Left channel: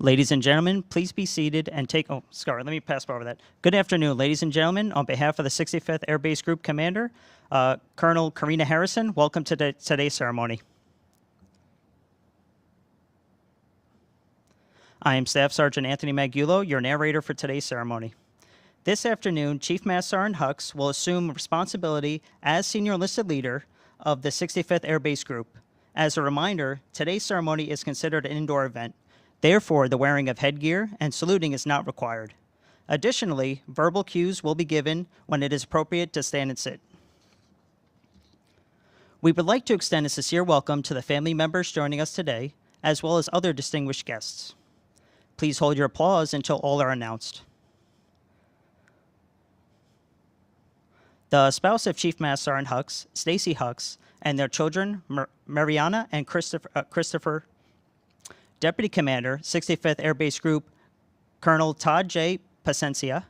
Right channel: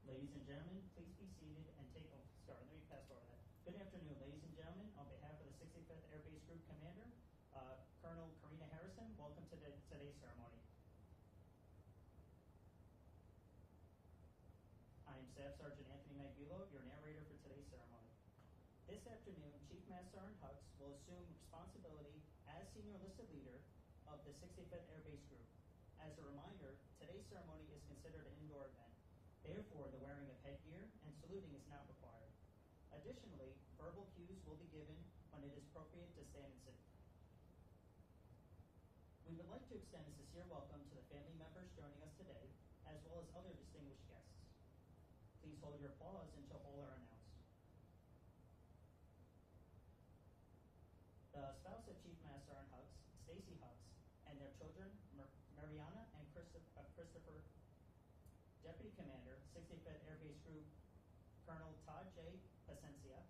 Ladies and gentlemen, please be seated and take, oh, sorry, let me pass over that. Good afternoon, ladies and gentlemen. On behalf of the 65th Air Base Group Commander, Colonel Karina Harrison, welcome to today's ceremony. I am Staff Sergeant Anthony Magulo, your narrator for today's ceremony. This afternoon, Chief Master Sergeant Hux will assume responsibility as Senior Enlisted Leader of the 65th Air Base Group. As a reminder, today's ceremony is considered an indoor event. Therefore, the wearing of headgear and saluting is not required. Additionally, verbal cues will be given when it is appropriate to stand and sit. We would like to extend a sincere welcome to the family members joining us today, as well as other distinguished guests. Please hold your applause until all are announced. The spouse of Chief Master Sergeant Hux, Stacy Hux, and their children, Mariana and Christopher, Deputy Commander, 65th Air Base Group, Colonel Todd J. Pacencia,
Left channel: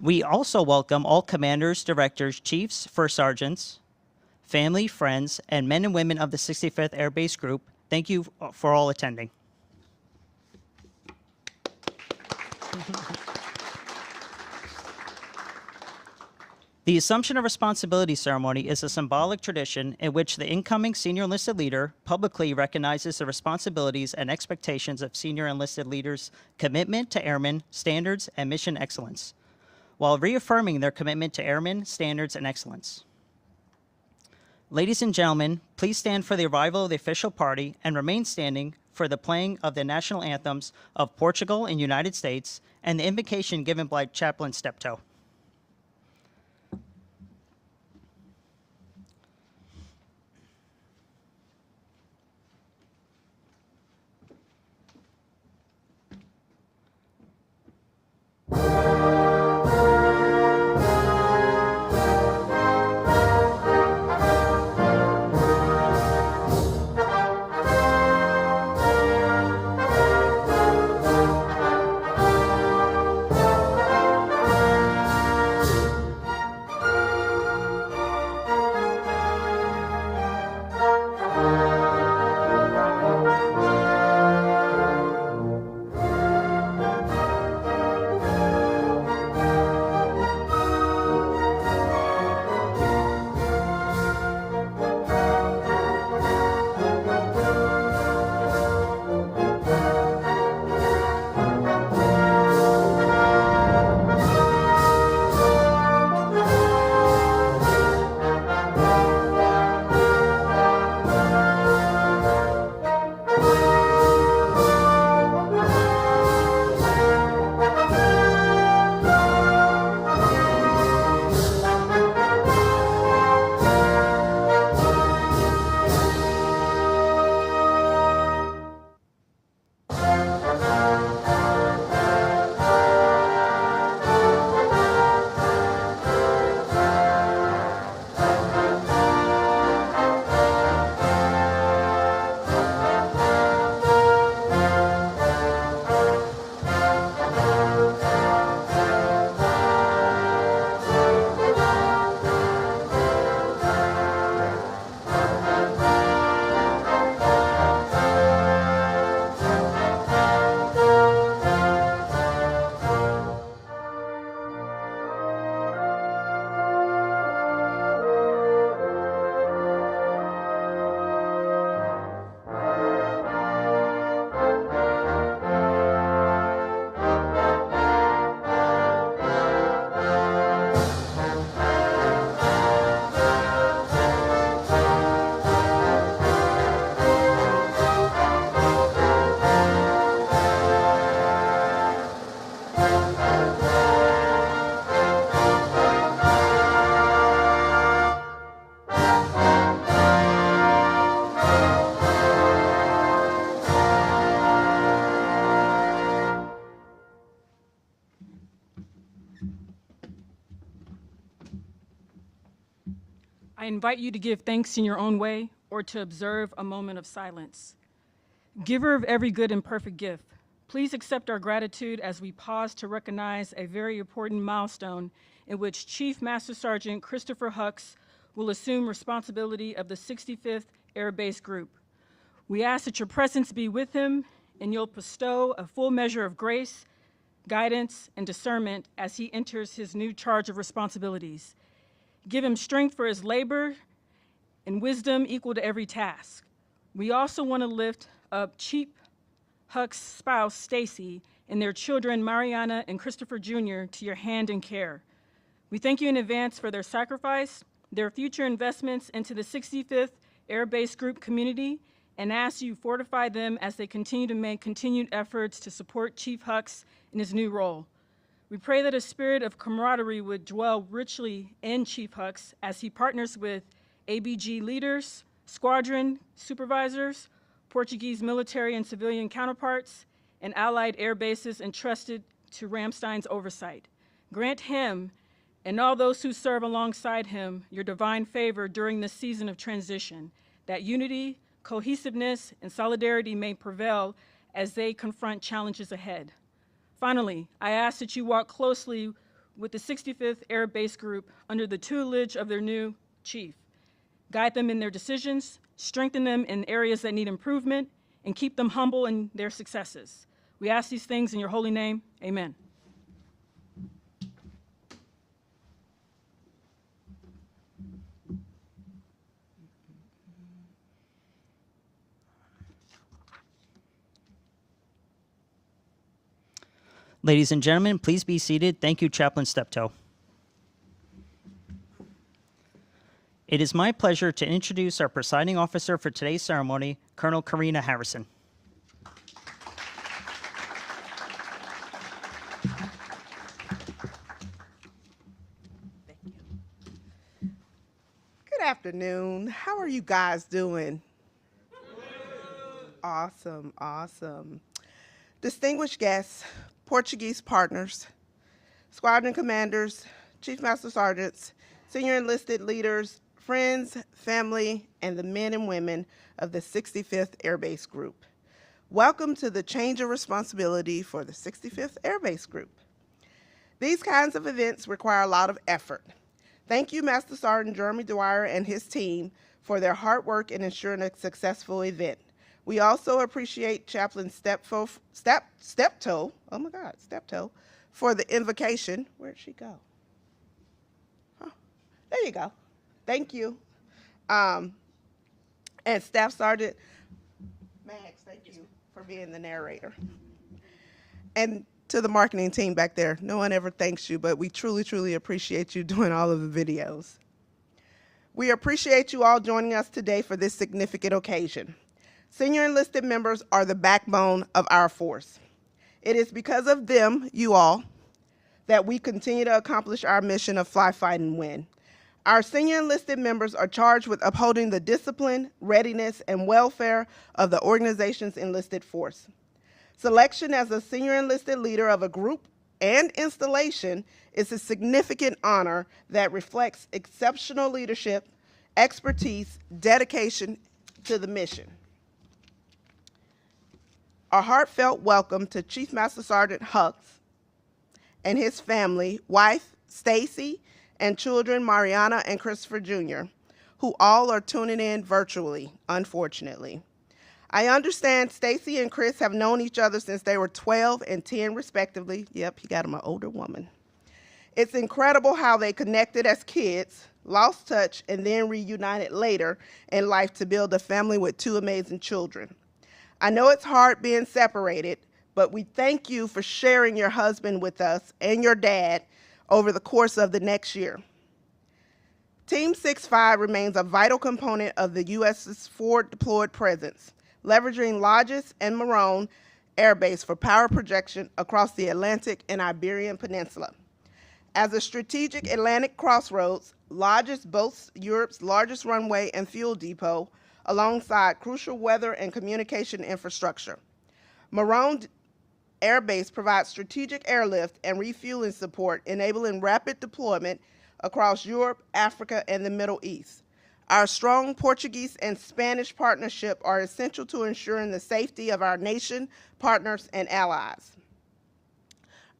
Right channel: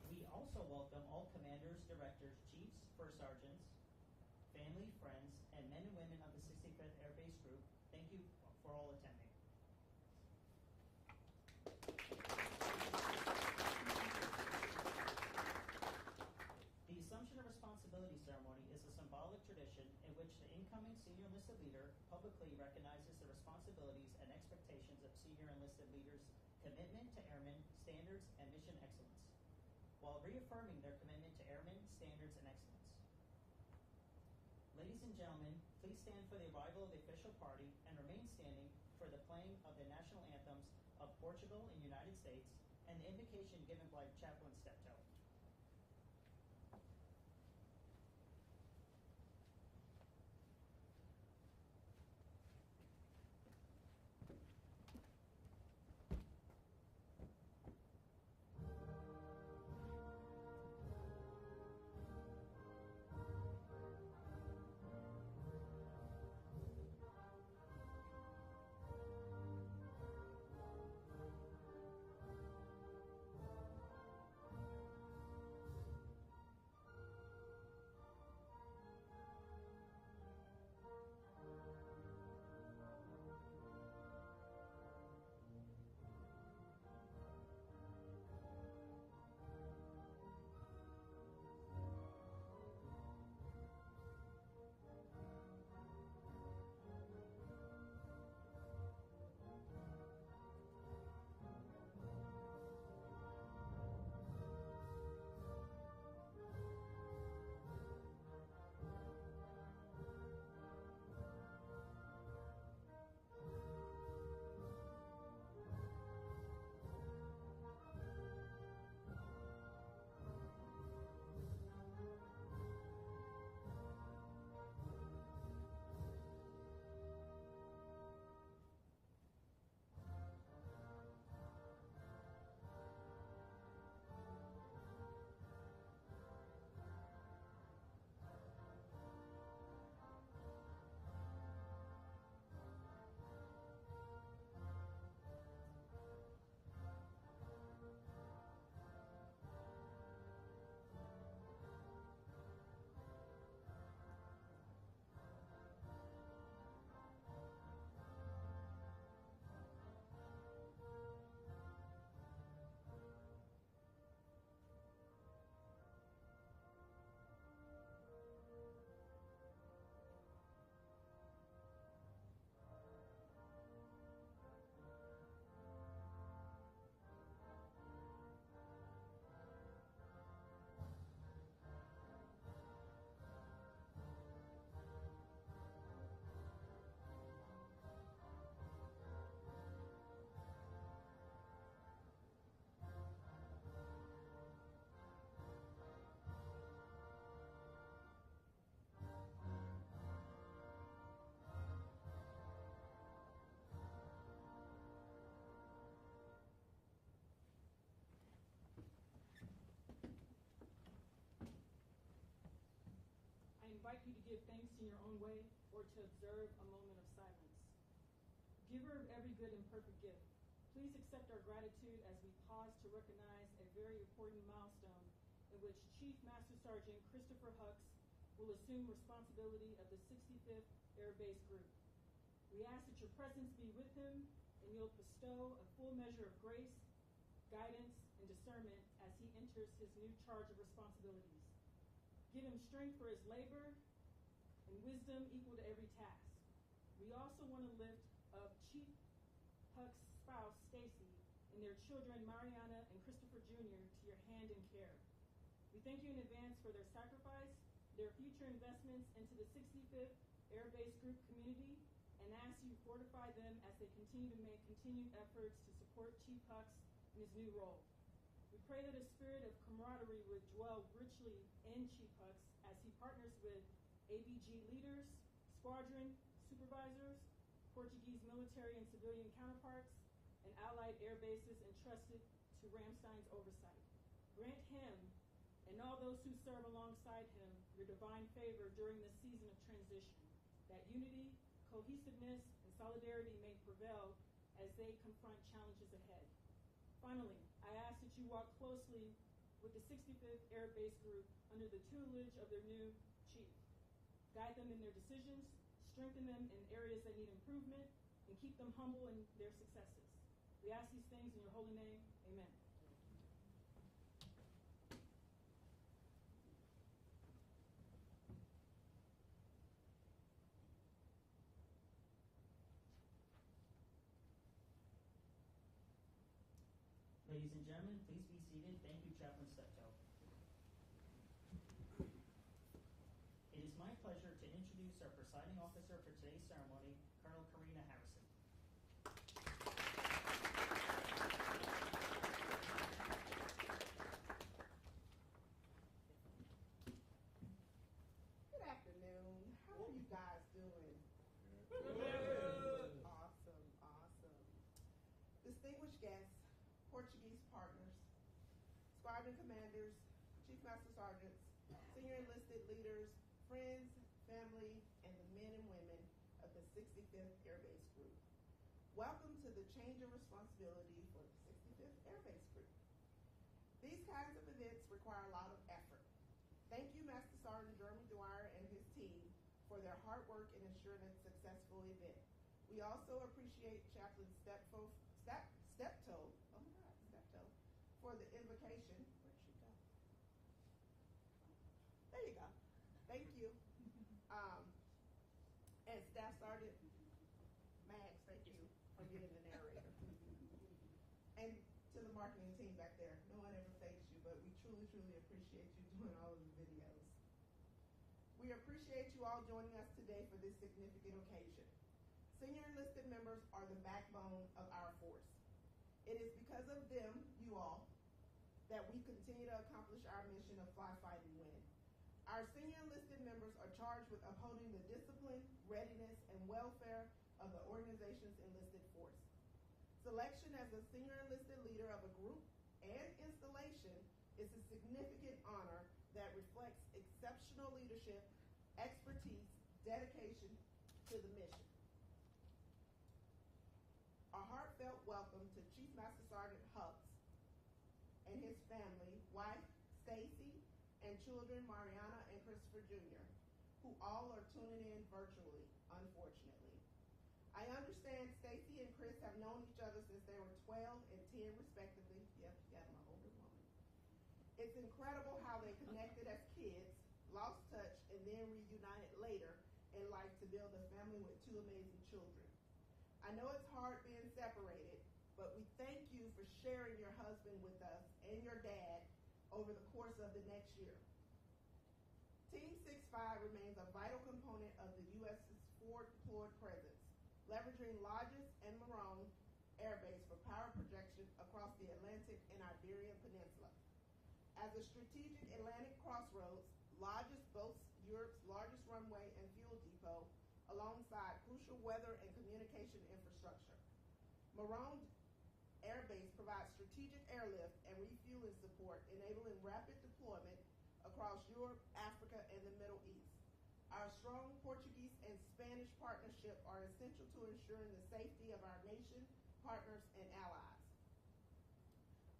we also welcome all commanders, directors, chiefs, first sergeants, family, friends, and men and women of the 65th Air Base Group. Thank you for all attending. The Assumption of Responsibility ceremony is a symbolic tradition in which the incoming senior enlisted leader publicly recognizes the responsibilities and expectations of senior enlisted leaders' commitment to airmen, standards, and mission excellence, while reaffirming their commitment to airmen, standards, and excellence. Ladies and gentlemen, please stand for the arrival of the official party and remain standing for the playing of the national anthems of Portugal and United States and the invocation given by Chaplain Steptoe. I invite you to give thanks in your own way or to observe a moment of silence. Giver of every good and perfect gift, please accept our gratitude as we pause to recognize a very important milestone in which Chief Master Sergeant Christopher Hux will assume responsibility of the 65th Air Base Group. We ask that your presence be with him and you'll bestow a full measure of grace, guidance, and discernment as he enters his new charge of responsibilities. Give him strength for his labor and wisdom equal to every task. We also want to lift up Chief Huck's spouse, Stacy, and their children, Mariana and Christopher Jr., to your hand and care. We thank you in advance for their sacrifice, their future investments into the 65th Air Base Group community, and ask you fortify them as they continue to make continued efforts to support Chief Hucks in his new role. We pray that a spirit of camaraderie would dwell richly in Chief Hucks as he partners with ABG leaders, squadron supervisors, Portuguese military and civilian counterparts, and allied air bases entrusted to Ramstein's oversight. Grant him and all those who serve alongside him your divine favor during this season of transition, that unity, cohesiveness, and solidarity may prevail as they confront challenges ahead. Finally, I ask that you walk closely with the 65th Air Base Group under the tutelage of their new chief. Guide them in their decisions, strengthen them in areas that need improvement, and keep them humble in their successes. We ask these things in your holy name. Amen. Ladies and gentlemen, please be seated. Thank you, Chaplain Steptoe. It is my pleasure to introduce our presiding officer for today's ceremony, Colonel Karina Harrison. Good afternoon. How are you guys doing? Awesome, awesome. Distinguished guests, Portuguese partners, squadron commanders, chief master sergeants, senior enlisted leaders, friends, family, and the men and women of the 65th Air Base Group. Welcome to the change of responsibility for the 65th Air Base Group. These kinds of events require a lot of effort. Thank you, Master Sergeant Jeremy Dwyer and his team for their hard work in ensuring a successful event. We also appreciate Chaplain Steptoe, for the invocation. Where'd she go? Oh, there you go. Thank you. And Staff Sergeant Max, thank you for being the narrator. And to the marketing team back there, no one ever thanks you, but we truly, truly appreciate you doing all of the videos. We appreciate you all joining us today for this significant occasion. Senior enlisted members are the backbone of our force. It is because of them, you all, that we continue to accomplish our mission of fly, fight, and win. Our senior enlisted members are charged with upholding the discipline, readiness, and welfare of the organization's enlisted force. Selection as a senior enlisted leader of a group and installation is a significant honor that reflects exceptional leadership, expertise, dedication to the mission. A heartfelt welcome to Chief Master Sergeant Hucks and his family, wife Stacy, and children Mariana and Christopher Jr., who all are tuning in virtually, unfortunately. I understand Stacy and Chris have known each other since they were 12 and 10 respectively. Yep, he got him an older woman. It's incredible how they connected as kids, lost touch, and then reunited later in life to build a family with two amazing children. I know it's hard being separated, but we thank you for sharing your husband with us and your dad over the course of the next year. Team 6-5 remains a vital component of the U.S.'s forward deployed presence, leveraging Lajes and Morone Air Base for power projection across the Atlantic and Iberian Peninsula. As a strategic Atlantic crossroads, Lajes boasts Europe's largest runway and fuel depot, alongside crucial weather and communication infrastructure. Morone Air Base provides strategic airlift and refueling support, enabling rapid deployment across Europe, Africa, and the Middle East. Our strong Portuguese and Spanish partnership are essential to ensuring the safety of our nation, partners, and allies.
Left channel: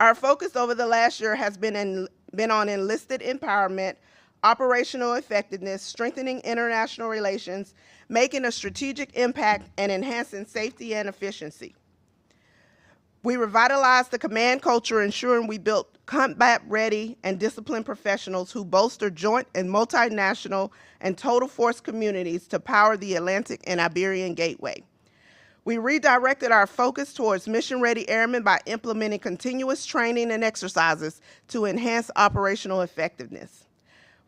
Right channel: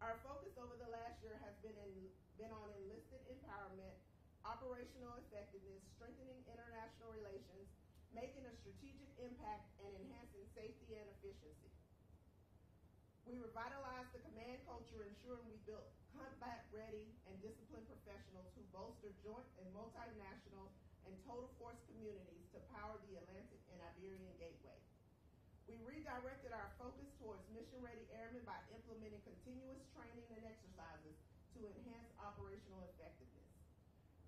Our focus over the last year has been on enlisted empowerment, operational effectiveness, strengthening international relations, making a strategic impact, and enhancing safety and efficiency. We revitalized the command culture, ensuring we built combat-ready and disciplined professionals who bolster joint and multinational and total force communities to power the Atlantic and Iberian Gateway. We redirected our focus towards mission-ready airmen by implementing continuous training and exercises to enhance operational effectiveness.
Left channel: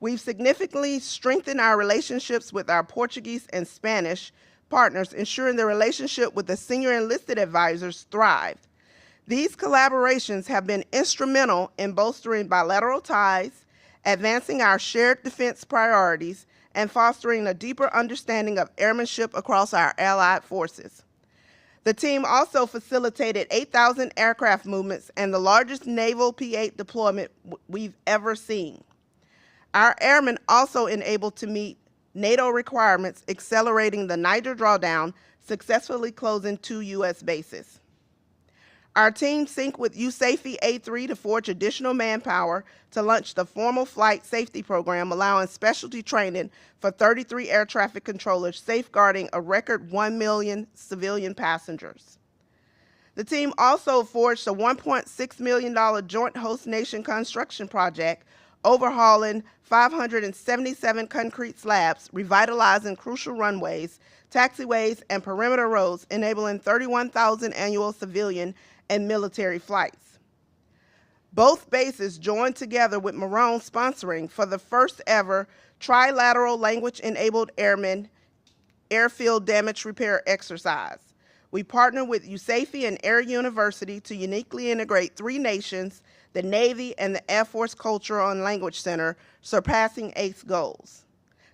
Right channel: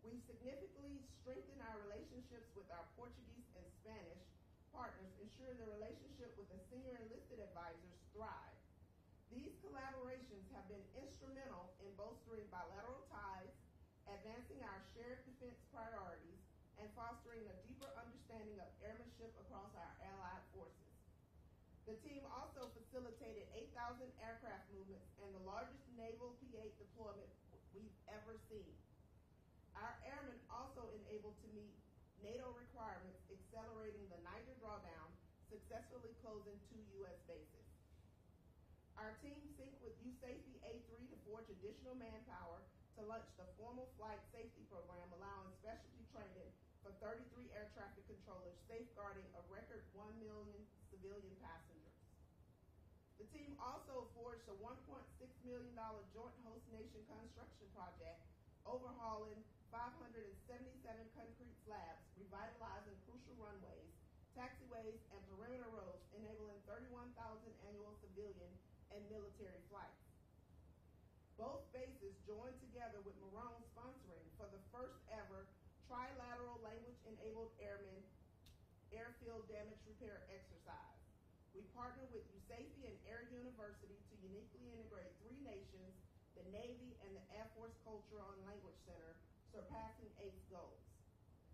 We've significantly strengthened our relationships with our Portuguese and Spanish partners, ensuring the relationship with the senior enlisted advisors thrived. These collaborations have been instrumental in bolstering bilateral ties, advancing our shared defense priorities, and fostering a deeper understanding of airmanship across our allied forces. The team also facilitated 8,000 aircraft movements and the largest naval P-8 deployment we've ever seen. Our airmen also enabled to meet NATO requirements, accelerating the Niger drawdown, successfully closing 2 U.S. bases. Our team synced with USAFE A3 to forge additional manpower to launch the formal flight safety program, allowing specialty training for 33 air traffic controllers, safeguarding a record 1 million civilian passengers. The team also forged a $1.6 million joint host nation construction project, overhauling 577 concrete slabs, revitalizing crucial runways, taxiways, and perimeter roads, enabling 31,000 annual civilian and military flights. Both bases joined together with Marone sponsoring for the first ever trilateral language-enabled airmen airfield damage repair exercise. We partnered with USAFE and Air University to uniquely integrate 3 nations, the Navy and the Air Force Cultural and Language Center, surpassing ACE goals.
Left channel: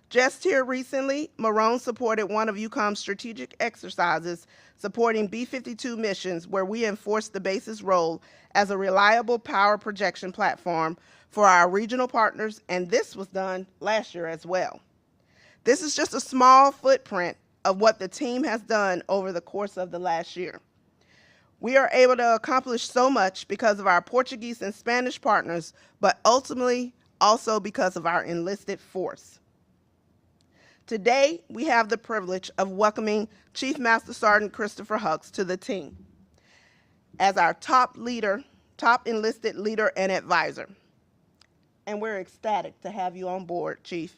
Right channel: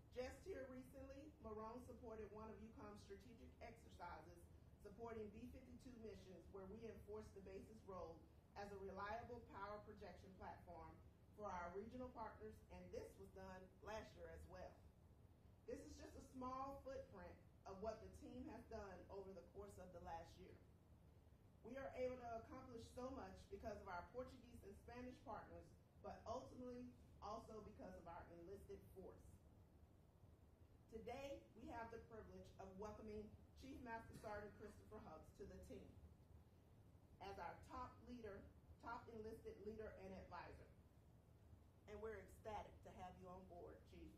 Just here recently, Marone supported one of UCOM's strategic exercises supporting B-52 missions, where we enforced the base's role as a reliable power projection platform for our regional partners, and this was done last year as well. This is just a small footprint of what the team has done over the course of the last year. We are able to accomplish so much because of our Portuguese and Spanish partners, but ultimately also because of our enlisted force. Today, we have the privilege of welcoming Chief Master Sergeant Christopher Hucks to the team as our top enlisted leader and advisor. And we're ecstatic to have you on board, Chief.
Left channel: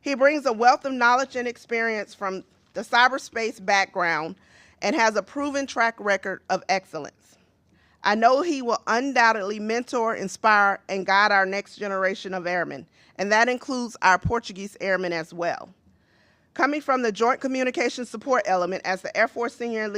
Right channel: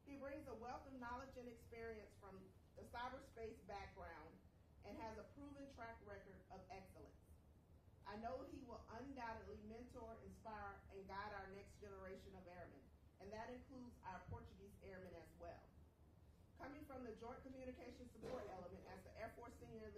He brings a wealth of knowledge and experience from the cyberspace background and has a proven track record of excellence. I know he will undoubtedly mentor, inspire, and guide our next generation of airmen, and that includes our Portuguese airmen as well. Coming from the Joint Communications Support element as the Air Force Senior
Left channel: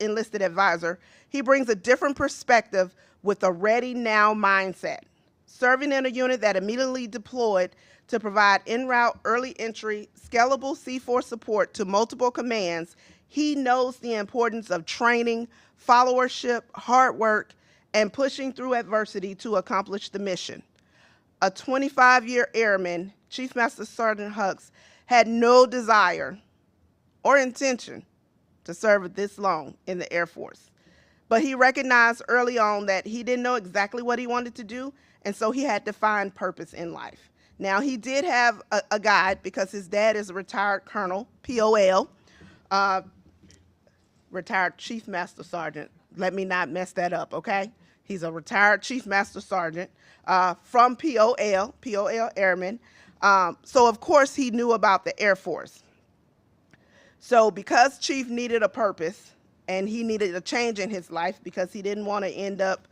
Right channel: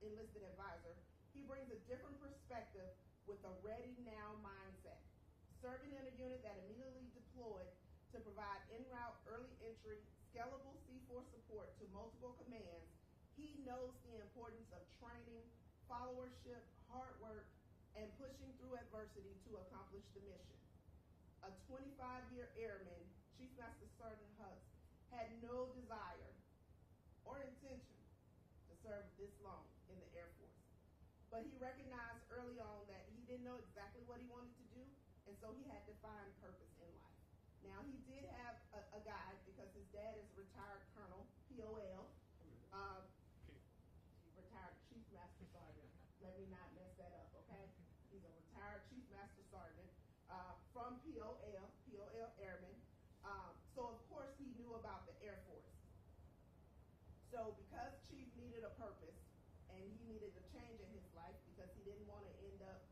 Enlisted Advisor, he brings a different perspective with a ready now mindset. Serving in a unit that immediately deployed to provide en route, early entry, scalable C4 support to multiple commands, he knows the importance of training, followership, hard work, and pushing through adversity to accomplish the mission. A 25-year airman, Chief Master Sergeant Hucks had no desire or intention to serve this long in the Air Force. But he recognized early on that he didn't know exactly what he wanted to do, and so he had to find purpose in life. Now, he did have a guide because his dad is a retired colonel, POL, retired Chief Master Sergeant. Let me not mess that up, okay? He's a retired Chief Master Sergeant from POL Airmen. So, of course, he knew about the Air Force. So because Chief needed a purpose and he needed a change in his life because he didn't want to end up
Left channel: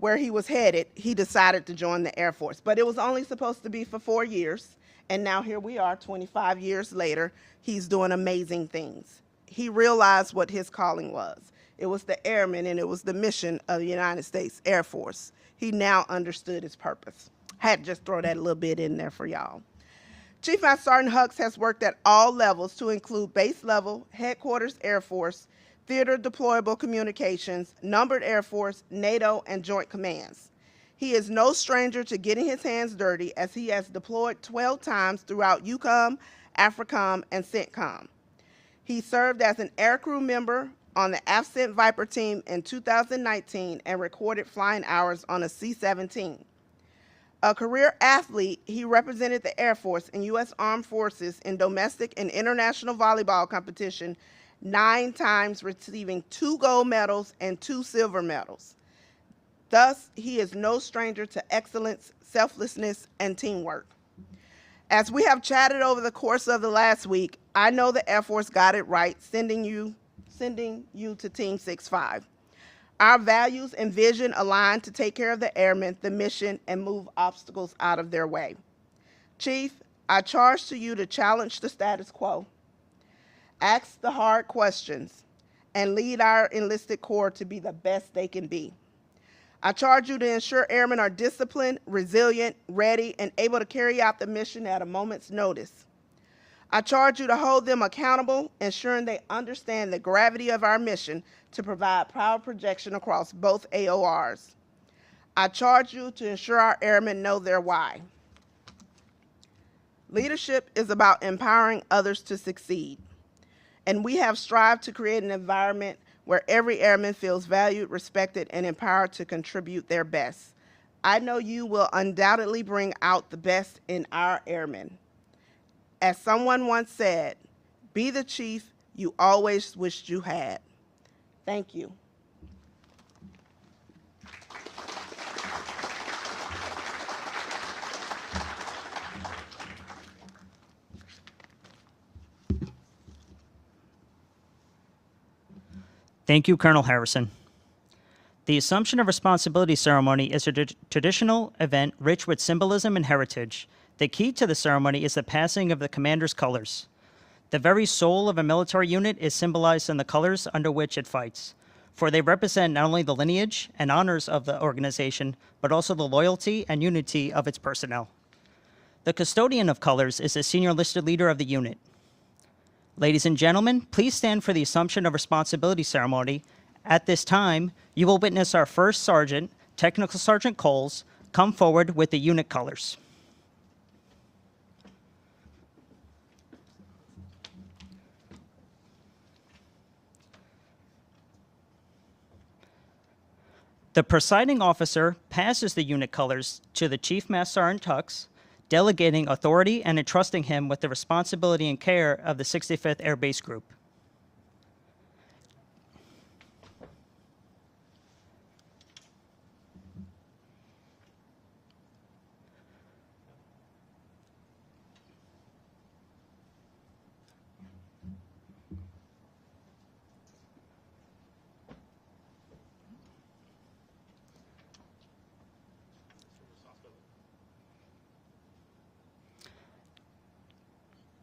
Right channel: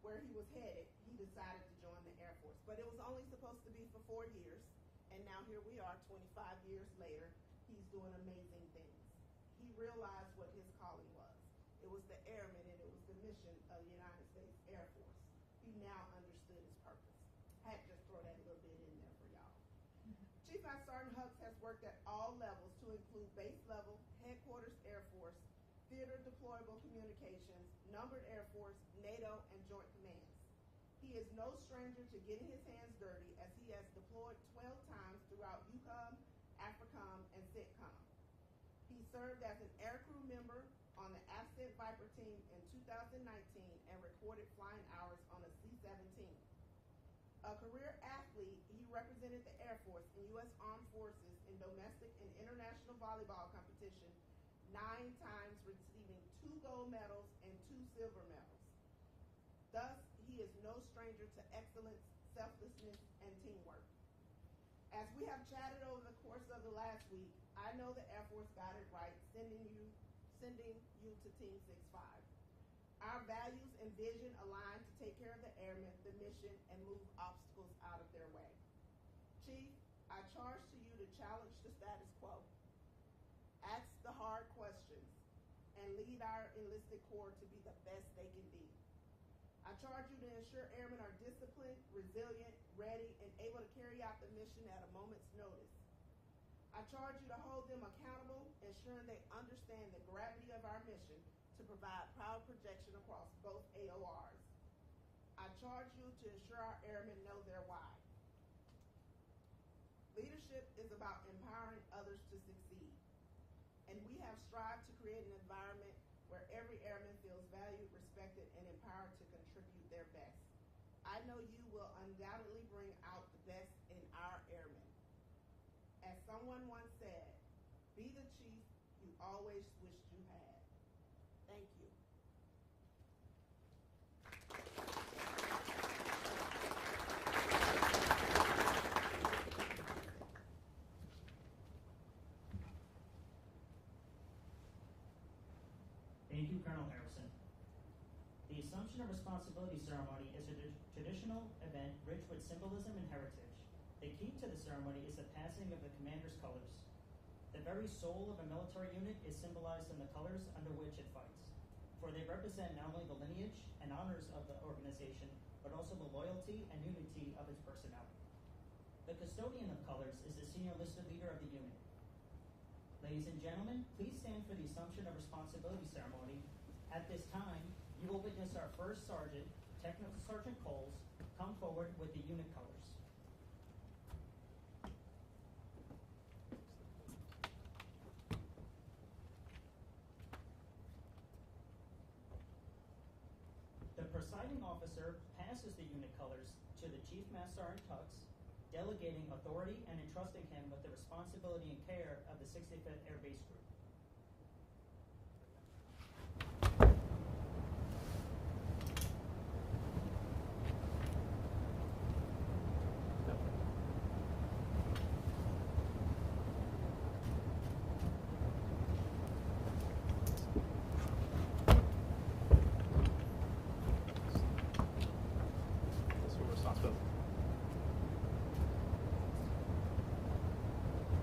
where he was headed, he decided to join the Air Force. But it was only supposed to be for 4 years, and now here we are 25 years later. He's doing amazing things. He realized what his calling was. It was the airmen, and it was the mission of the United States Air Force. He now understood his purpose. Had to just throw that a little bit in there for y'all. Chief Master Sergeant Hucks has worked at all levels to include base level, headquarters Air Force, theater deployable communications, numbered Air Force, NATO, and joint commands. He is no stranger to getting his hands dirty, as he has deployed 12 times throughout EUCOM, AFRICOM, and CENTCOM. He served as an aircrew member on the AFCENT Viper team in 2019 and recorded flying hours on a C-17. A career athlete, he represented the Air Force and U.S. Armed Forces in domestic and international volleyball competition 9 times, receiving 2 gold medals and 2 silver medals. Thus, he is no stranger to excellence, selflessness, and teamwork. As we have chatted over the course of the last week, I know the Air Force got it right, sending you to Team 6-5. Our values and vision align to take care of the airmen, the mission, and move obstacles out of their way. Chief, I charge to you to challenge the status quo, ask the hard questions, and lead our enlisted corps to be the best they can be. I charge you to ensure airmen are disciplined, resilient, ready, and able to carry out the mission at a moment's notice. I charge you to hold them accountable, ensuring they understand the gravity of our mission to provide power projection across both AORs. I charge you to ensure our airmen know their why. Leadership is about empowering others to succeed, and we have strived to create an environment where every airman feels valued, respected, and empowered to contribute their best. I know you will undoubtedly bring out the best in our airmen. As someone once said, be the chief you always wished you had. Thank you. Thank you, Colonel Harrison. The Assumption of Responsibility ceremony is a traditional event rich with symbolism and heritage. The key to the ceremony is the passing of the commander's colors. The very soul of a military unit is symbolized in the colors under which it fights, for they represent not only the lineage and honors of the organization, but also the loyalty and unity of its personnel. The custodian of colors is the senior enlisted leader of the unit. Ladies and gentlemen, please stand for the Assumption of Responsibility ceremony. At this time, you will witness our first sergeant, Technical Sergeant Coles, come forward with the unit colors. The presiding officer passes the unit colors to the Chief Master Sergeant Hux, delegating authority and entrusting him with the responsibility and care of the 65th Air Base Group.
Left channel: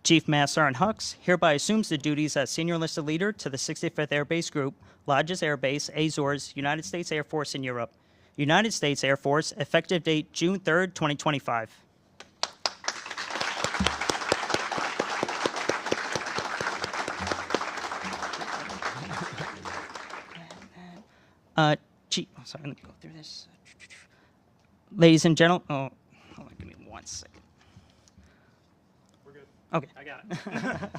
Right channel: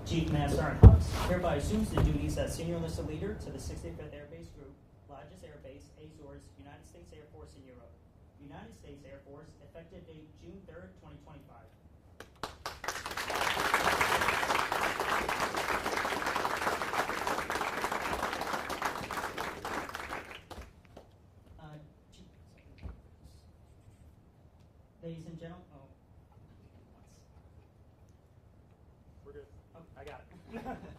Chief Master Sergeant Hux hereby assumes the duties as Senior Enlisted Leader to the 65th Air Base Group, Lajes Air Base, Azores, United States Air Force in Europe. United States Air Force, effective date June 3rd, 2025. Chief, sorry, let me go through this. Ladies and gentlemen, hold on, give me 1 second. Okay. I got it.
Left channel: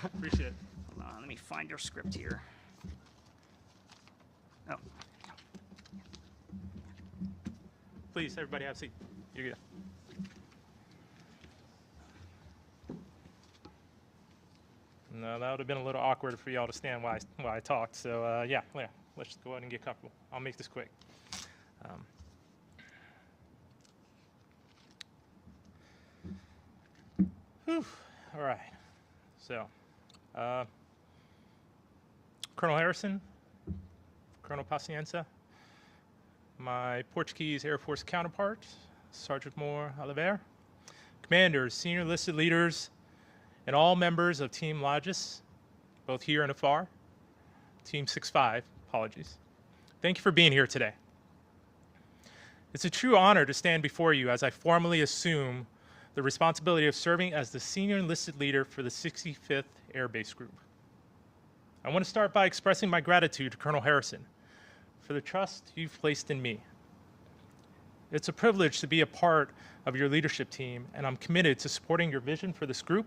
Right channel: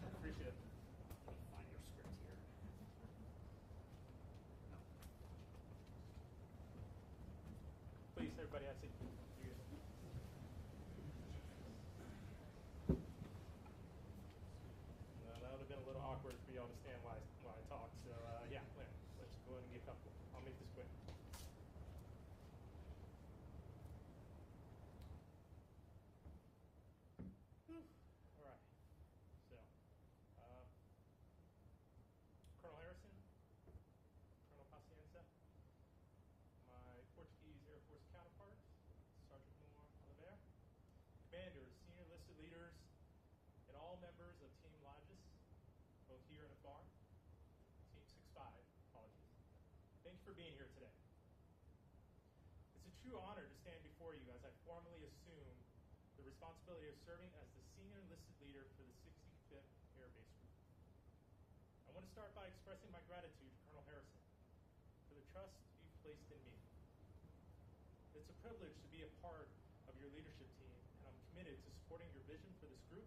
Appreciate it. Hold on, let me find your script here. Oh. Please, everybody have a seat. You're good. No, that would have been a little awkward for y'all to stand while I talked. So yeah, let's just go ahead and get comfortable. I'll make this quick. Whew. All right. So, Colonel Harrison, Colonel Pacienza, my Portuguese Air Force counterpart, Sergeant Moore Oliveira, commanders, senior enlisted leaders, and all members of Team Lajes, both here and afar, Team 6-5, apologies. Thank you for being here today. It's a true honor to stand before you as I formally assume the responsibility of serving as the senior enlisted leader for the 65th Air Base Group. I want to start by expressing my gratitude to Colonel Harrison for the trust you've placed in me. It's a privilege to be a part of your leadership team, and I'm committed to supporting your vision for this group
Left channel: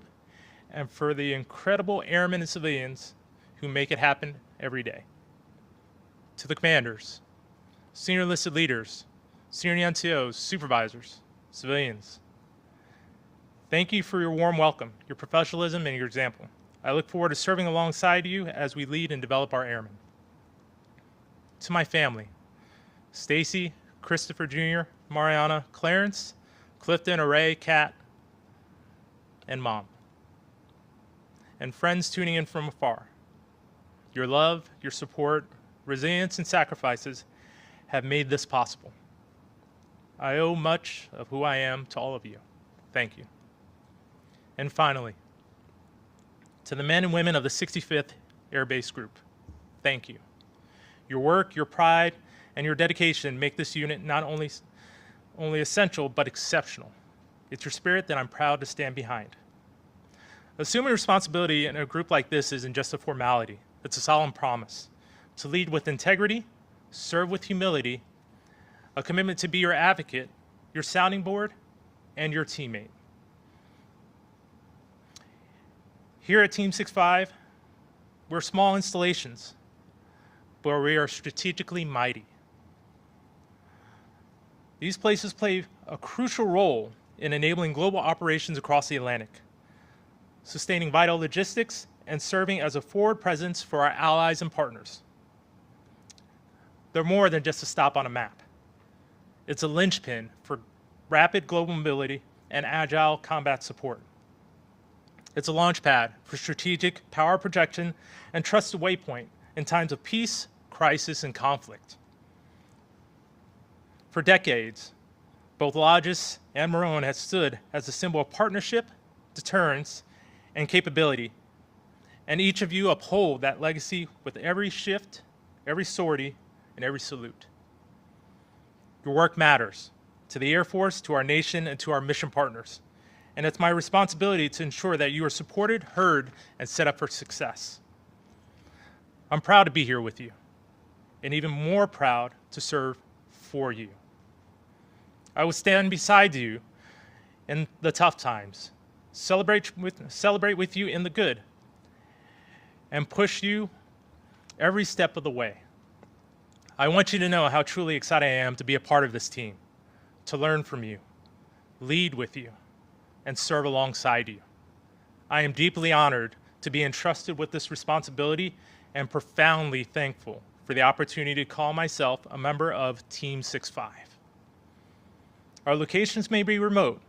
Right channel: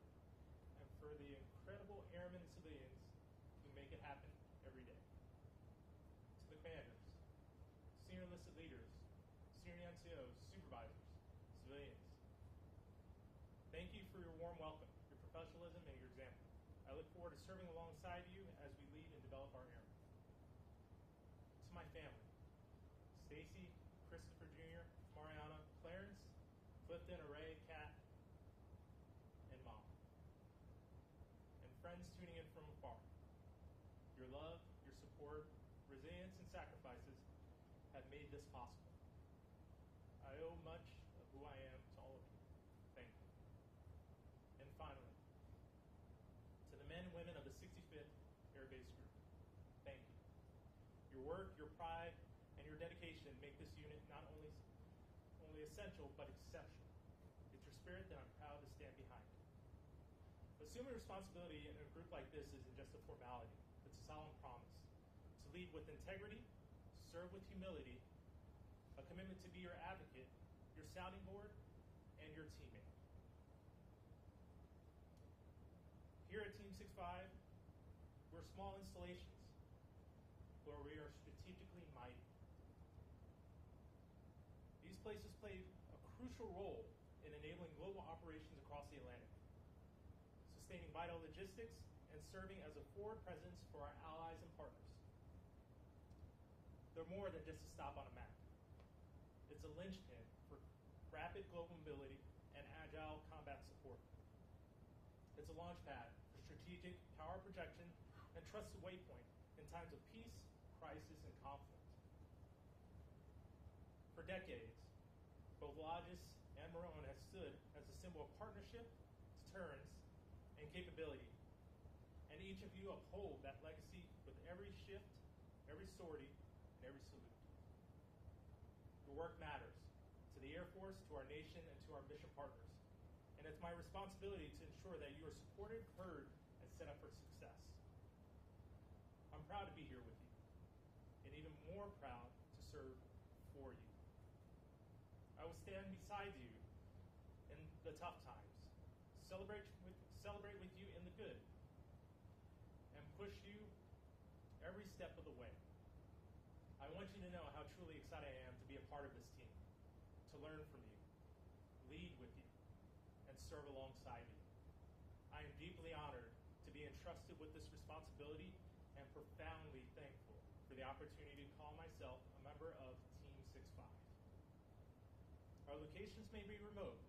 and for the incredible airmen and civilians who make it happen every day. To the commanders, senior enlisted leaders, senior NCOs, supervisors, civilians, thank you for your warm welcome, your professionalism, and your example. I look forward to serving alongside you as we lead and develop our airmen. To my family, Stacy, Christopher Jr., Mariana, Clarence, Clifton, Array, Kat, and Mom. And friends tuning in from afar. Your love, your support, resilience, and sacrifices have made this possible. I owe much of who I am to all of you. Thank you. And finally, to the men and women of the 65th Air Base Group, thank you. Your work, your pride, and your dedication make this unit not only essential, but exceptional. It's your spirit that I'm proud to stand behind. Assuming responsibility in a group like this isn't just a formality, it's a solemn promise to lead with integrity, serve with humility, a commitment to be your advocate, your sounding board, and your teammate. Here at Team 65, we're small installations, but we are strategically mighty. These places play a crucial role in enabling global operations across the Atlantic, sustaining vital logistics and serving as a forward presence for our allies and partners. They're more than just a stop on a map. It's a linchpin for rapid global mobility and agile combat support. It's a launch pad for strategic power projection and trusted waypoint in times of peace, crisis, and conflict. For decades, both Lajes and Marone have stood as a symbol of partnership, deterrence, and capability. And each of you uphold that legacy with every shift, every sortie, and every salute. Your work matters to the Air Force, to our nation, and to our mission partners. And it's my responsibility to ensure that you are supported, heard, and set up for success. I'm proud to be here with you, and even more proud to serve for you. I will stand beside you in the tough times, celebrate with you in the good, and push you every step of the way. I want you to know how truly excited I am to be a part of this team, to learn from you, lead with you, and serve alongside you. I am deeply honored to be entrusted with this responsibility and profoundly thankful for the opportunity to call myself a member of Team 65. Our locations may be remote,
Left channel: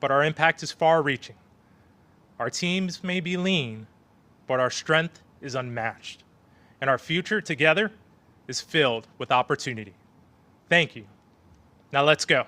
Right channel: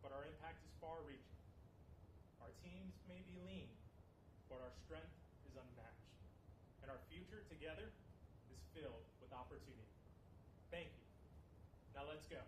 but our impact is far-reaching. Our teams may be lean, but our strength is unmatched. And our future together is filled with opportunity. Thank you. Now let's go.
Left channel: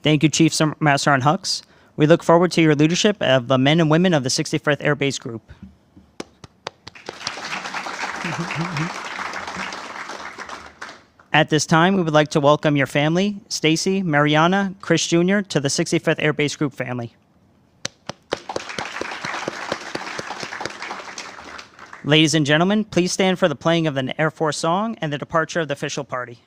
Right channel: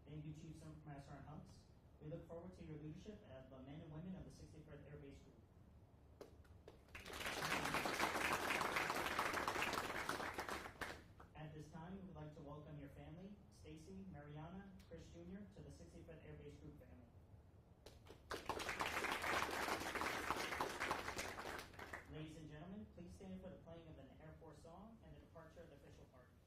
Thank you, Chief Master Sergeant Hux. We look forward to your leadership of the men and women of the 65th Air Base Group. At this time, we would like to welcome your family, Stacy, Mariana, Chris Jr., to the 65th Air Base Group family. Ladies and gentlemen, please stand for the playing of the Air Force song and the departure of the official party.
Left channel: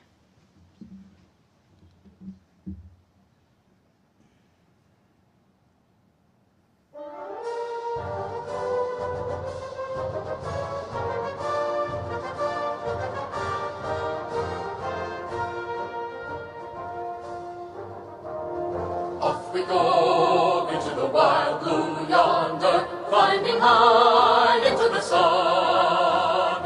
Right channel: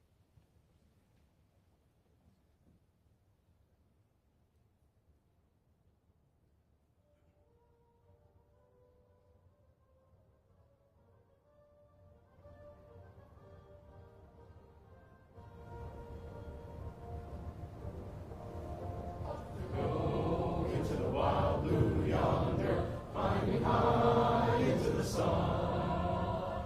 Off we go into the wild blue yonder, climbing high into the sun.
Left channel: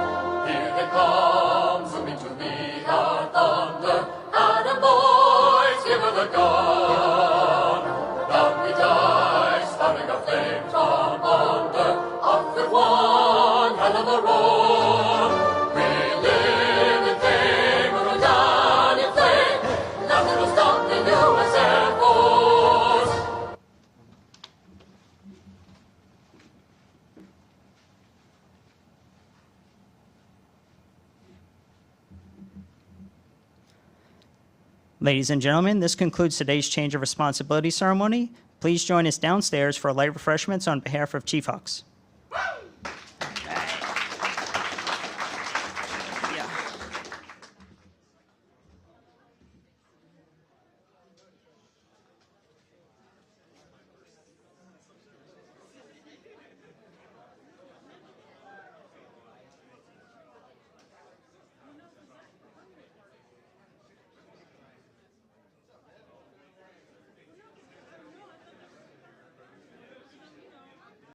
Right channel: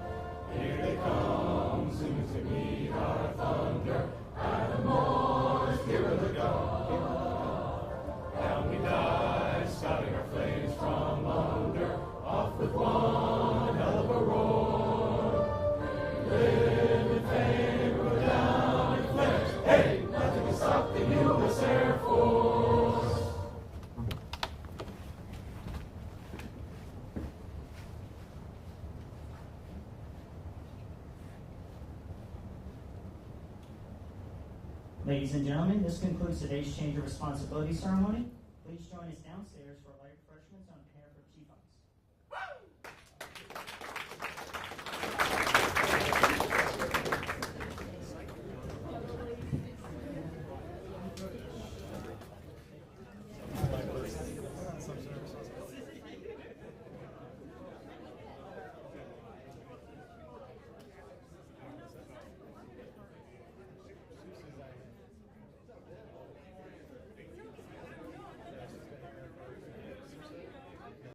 Here it comes, zooming to be our thunder. Atta boys, give her the gun. Down we dive, starting a flame from under. Off with one hell of a roar. We live in fame, we'll die in flame. Nothing will stop the U.S. Air Force. Ladies and gentlemen, this concludes today's change of responsibility ceremony. Please join us downstairs for light refreshments on behalf of Chief Hux.